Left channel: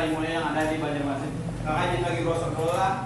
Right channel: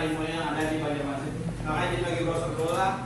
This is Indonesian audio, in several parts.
Sarimulia yang ada di Banjarmasin. Makanya kita lagi browser dulu lah.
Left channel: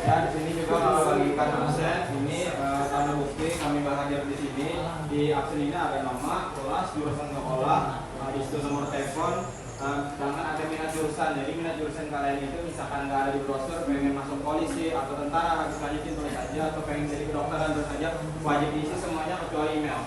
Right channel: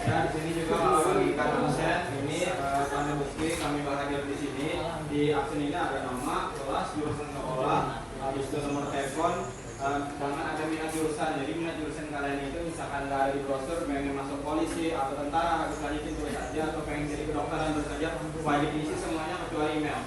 Ya, di sini juga bagikan absen. Ini tanda bukti kami hadir di sini. Di absen ini ada nama, kelas, jurusan sekolah, habis itu nomor telepon, dan ada minat jurusan. Jadi minat jurusan kalian itu misalkan nggak ada di brosur, pengen masuk polisi atau tentara, harus lanjutin tulis saja, atau pengen jadi kedokteran tulis saja, wajib diisi semuanya kecuali email.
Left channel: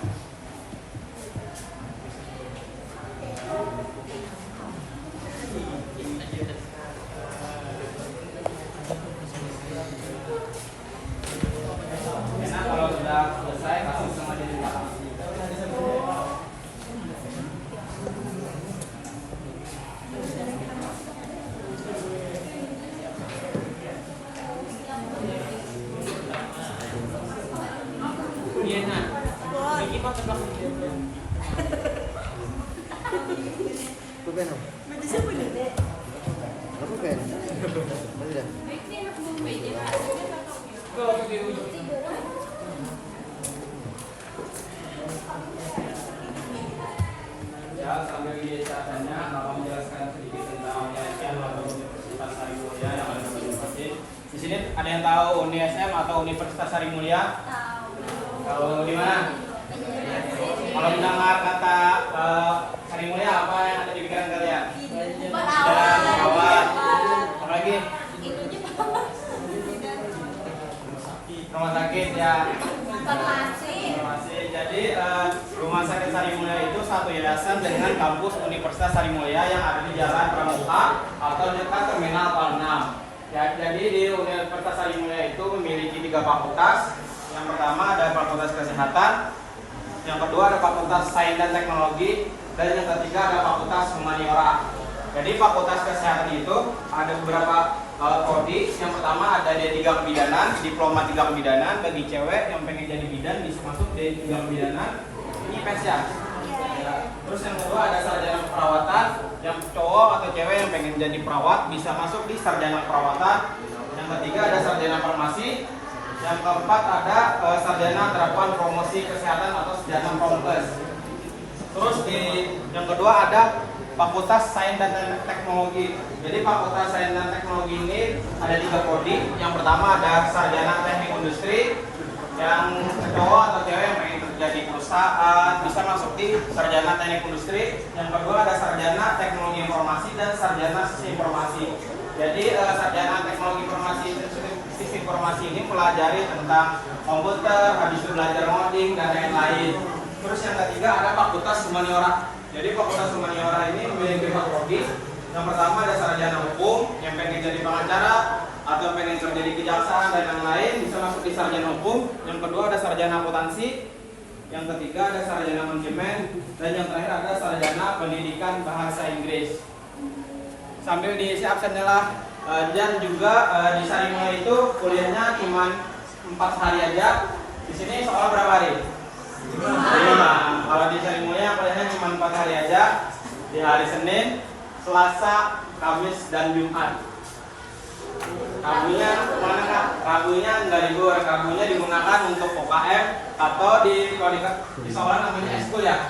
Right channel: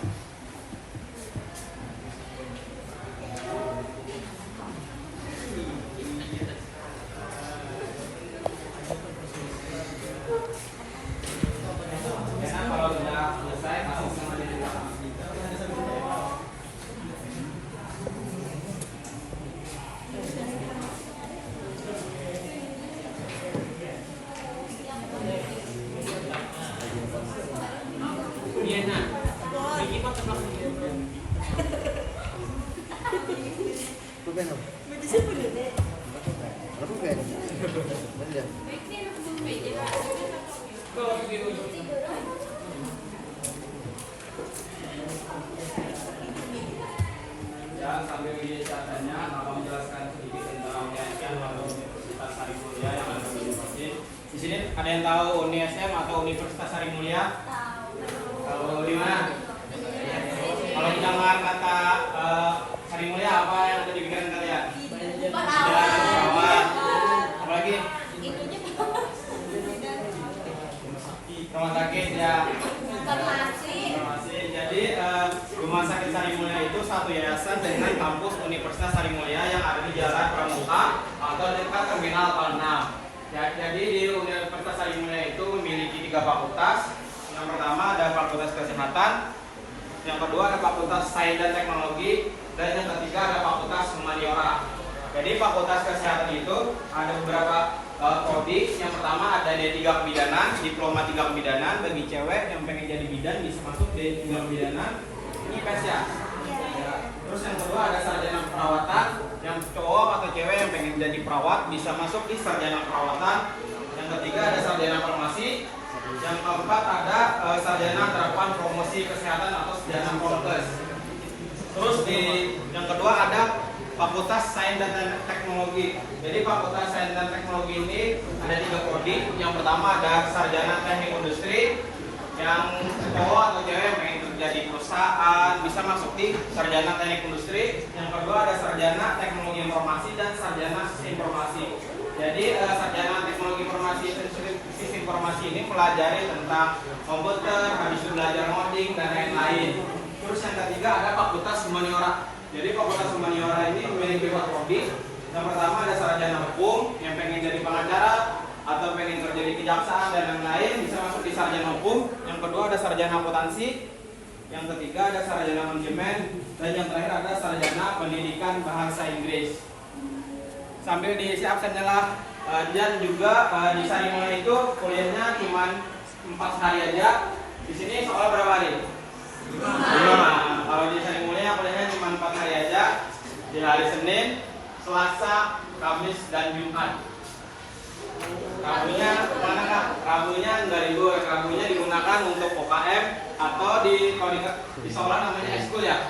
Ya, sambil di catanya, mau menjelaskan sedikit tentang UNISM atau Universitas Sarimulia yang ada di Banjarmasin. Di sini ada yang tahu UNISM atau Universitas Sarimulia? Tahu di mana? Kalau mendengar kata Sarimulia, apa yang ada di pikiran kalian? Perawat. Apalagi? Rumah sakit ya. Jadi Rumah Sakit Sarimulia itu satu yayasan dengan kampus Universitas Sarimulia yang ada di Jalan Pramuka atau dekat Terminal Palnam. Jadi di Universitas Sarimulia itu memiliki 3 fakultas. Yang pertama ada Fakultas Kesehatan, yang kedua ada Fakultas Sains dan Teknologi, dan yang ketiga ada Fakultas Humaniora. Jadi Fakultas Kesehatan itu ada beberapa prodi. Yang pertama ada D3 Kebidanan, diploma 3 Kebidanan. Bagi cewek yang pengen jadi bidan bisa masuk D3 Kebidanan. Ini PES ya. Terus yang kedua ada sarjana perawatan. Yang cowok atau cewek yang pengen jadi perawat bisa masuk di sarjana perawatan. Yang ketiga ada sarjana farmasi. Yang keempat ada sarjana terapan promosi kesehatan atau sarjana promkes. Terus yang kedua ada Fakultas Sains dan Teknologi. Jadi Fakultas Sains dan Teknologi ini ada 3 prodi. Yang pertama ada sarjana teknik industri. Yang cowok atau cewek yang pengen kerja di perusahaan bisa masuk di sarjana teknik industri. Yang kedua ada sarjana teknologi informasi dan sarjana sistem informasi. Jadi sarjana teknologi informasi dan sistem informasi ini pelajari tentang komputer, habis belajar coding dan lain-lain. Terus yang ketiga ada Fakultas Humaniora. Jadi Fakultas Humaniora ini memiliki 4 prodi. Yang pertama ada sarjana hukum yang pengen jadi pengacara atau pengen kerja di kejaksaan dan lain-lain bisa masuk di sarjana hukum. Yang kedua ada sarjana akuntansi. Yang ketiga ada sarjana manajemen dan yang terakhir ada sarjana pendidikan bahasa Inggris. Sambil diisi absennya lah. Dan juga di Sarimulia itu kuliahnya cuma 4 hari aja. Di sini soal berapa hari? 5. Kalau di Sarimulia kuliahnya cuma 4 hari aja. Di hari Senin, Selasa, Kamis, dan Jumat. Mana Kak? Ragunya nggak libur, ragunya digunakan untuk UKM atau kalau di sekolah namanya ekskul ya.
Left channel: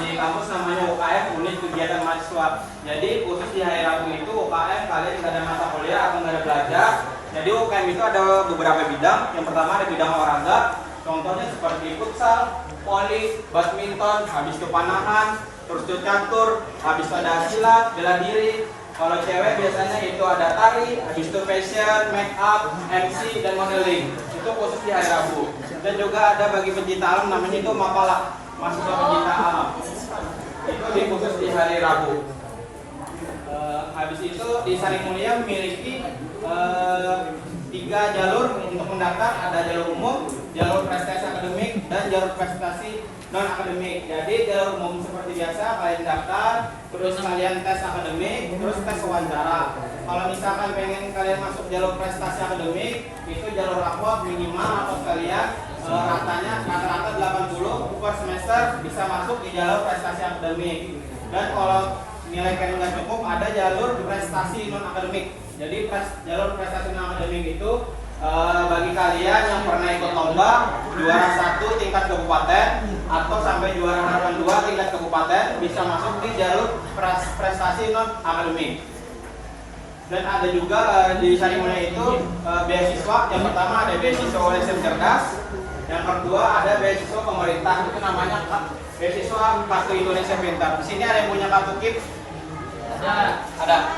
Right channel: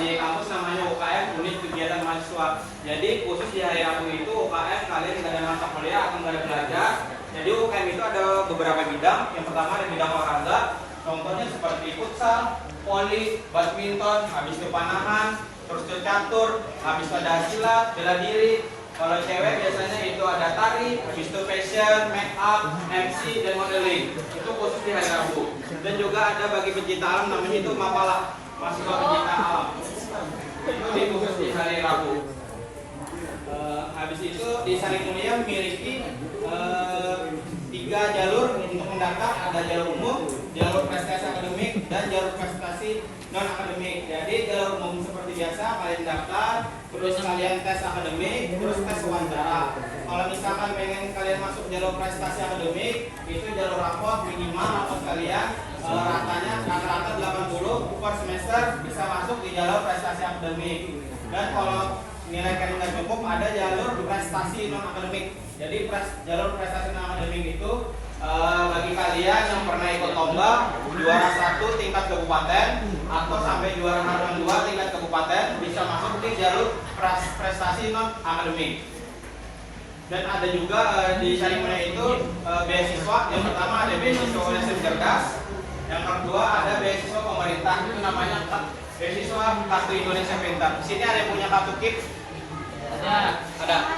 Di kampus namanya UKM, unit kegiatan mahasiswa. Jadi khusus di hari Rabu itu UKM kalian nggak ada mata kuliah atau nggak ada belajar. Jadi UKM itu ada beberapa bidang. Yang pertama ada bidang olahraga, contohnya seperti futsal, voli, badminton, habis itu panahan, terus catur, habis itu ada silat, bela diri. Kalau cewek biasanya itu ada tari, habis itu fashion, make up, MC, dan modeling. Itu khusus di hari Rabu. Dan juga ada bagi pencinta alam namanya itu Mapala, mahasiswa pencinta alam. Itu khusus di hari Rabu. Habis itu di Sarimulia memiliki 3 jalur untuk mendaftar, ada jalur umum, jalur prestasi akademik, dan jalur prestasi non akademik. Jadi jalur umum seperti biasa kalian daftar, terus kalian tes akademik, terus tes wawancara. Kalau misalkan pengen kalian masuk jalur prestasi akademik, itu jalur raport minimal atau kalian rata-rata 80 per semester bisa masuk di jalur prestasi akademik. Dan kalau nilai kalian nggak cukup, ada jalur prestasi non akademik. Jadi jalur prestasi non akademik itu bagi kalian yang pernah ikut lomba juara 1 tingkat kabupaten atau sampai juara harapan 2 tingkat kabupaten bisa masuk di jalur prestasi non akademik. Dan ada juga di Sarimulia itu beasiswa. Yang pertama ada beasiswa Universitas Cerdas, yang kedua ada beasiswa pemerintah, itu namanya beasiswa Kartu Indonesia Pintar. Di sini ada yang punya kartu KIP? Ada.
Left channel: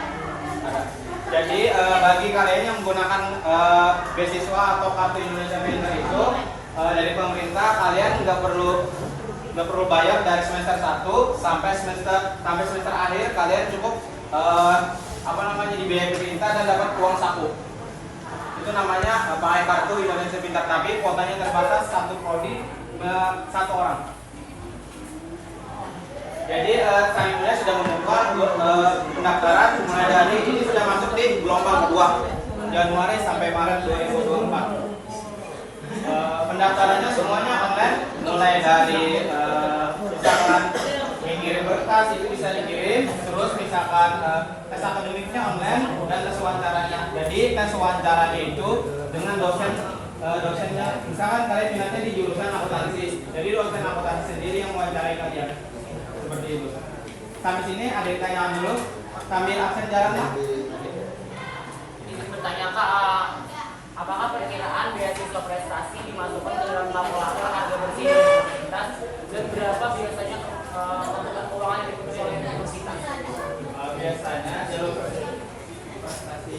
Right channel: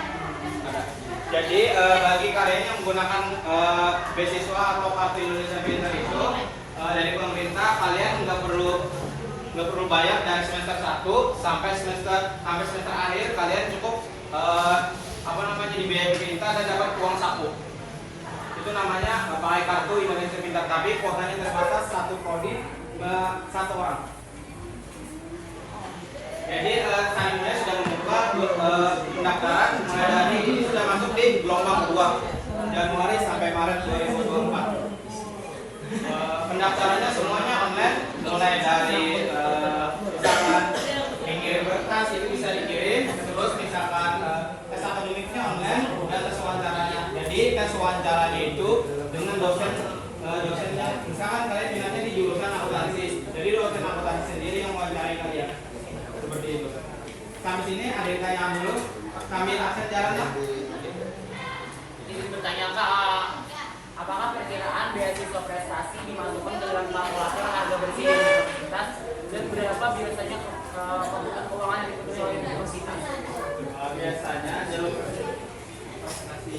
Jadi bagi kalian yang menggunakan beasiswa atau Kartu Indonesia Pintar itu dari pemerintah, kalian nggak perlu bayar dari semester 1 sampai semester akhir. Kalian cukup dibiayai pemerintah dan dapat uang saku. Itu namanya pakai Kartu Indonesia Pintar, tapi kuotanya terbatas, satu prodi 1 orang. Jadi Sarimulia sudah membuka pendaftaran mulai dari ini sudah masuk di gelombang kedua, Januari sampai Maret 2024. Pendaftarannya semuanya online, mulai dari misalkan mengirim berkas itu bisa dikirim, terus misalkan tes akademiknya online dan tes wawancaranya. Jadi tes wawancaranya itu dengan dosennya, misalkan kalian minatnya di jurusan akuntansi, jadi dosen akuntansi sendiri yang mewawancarai kalian. Seperti itu. Sampai sini ada yang tanya dulu, kami akses jalannya. Izin bertanya Kak, apakah perkiraan beasiswa prestasi dimasukkan ke dalam kalkulator harga bersih di universitas dan berapa biasanya keuangan yang ditutup oleh universitas? Biasanya jalur prestasi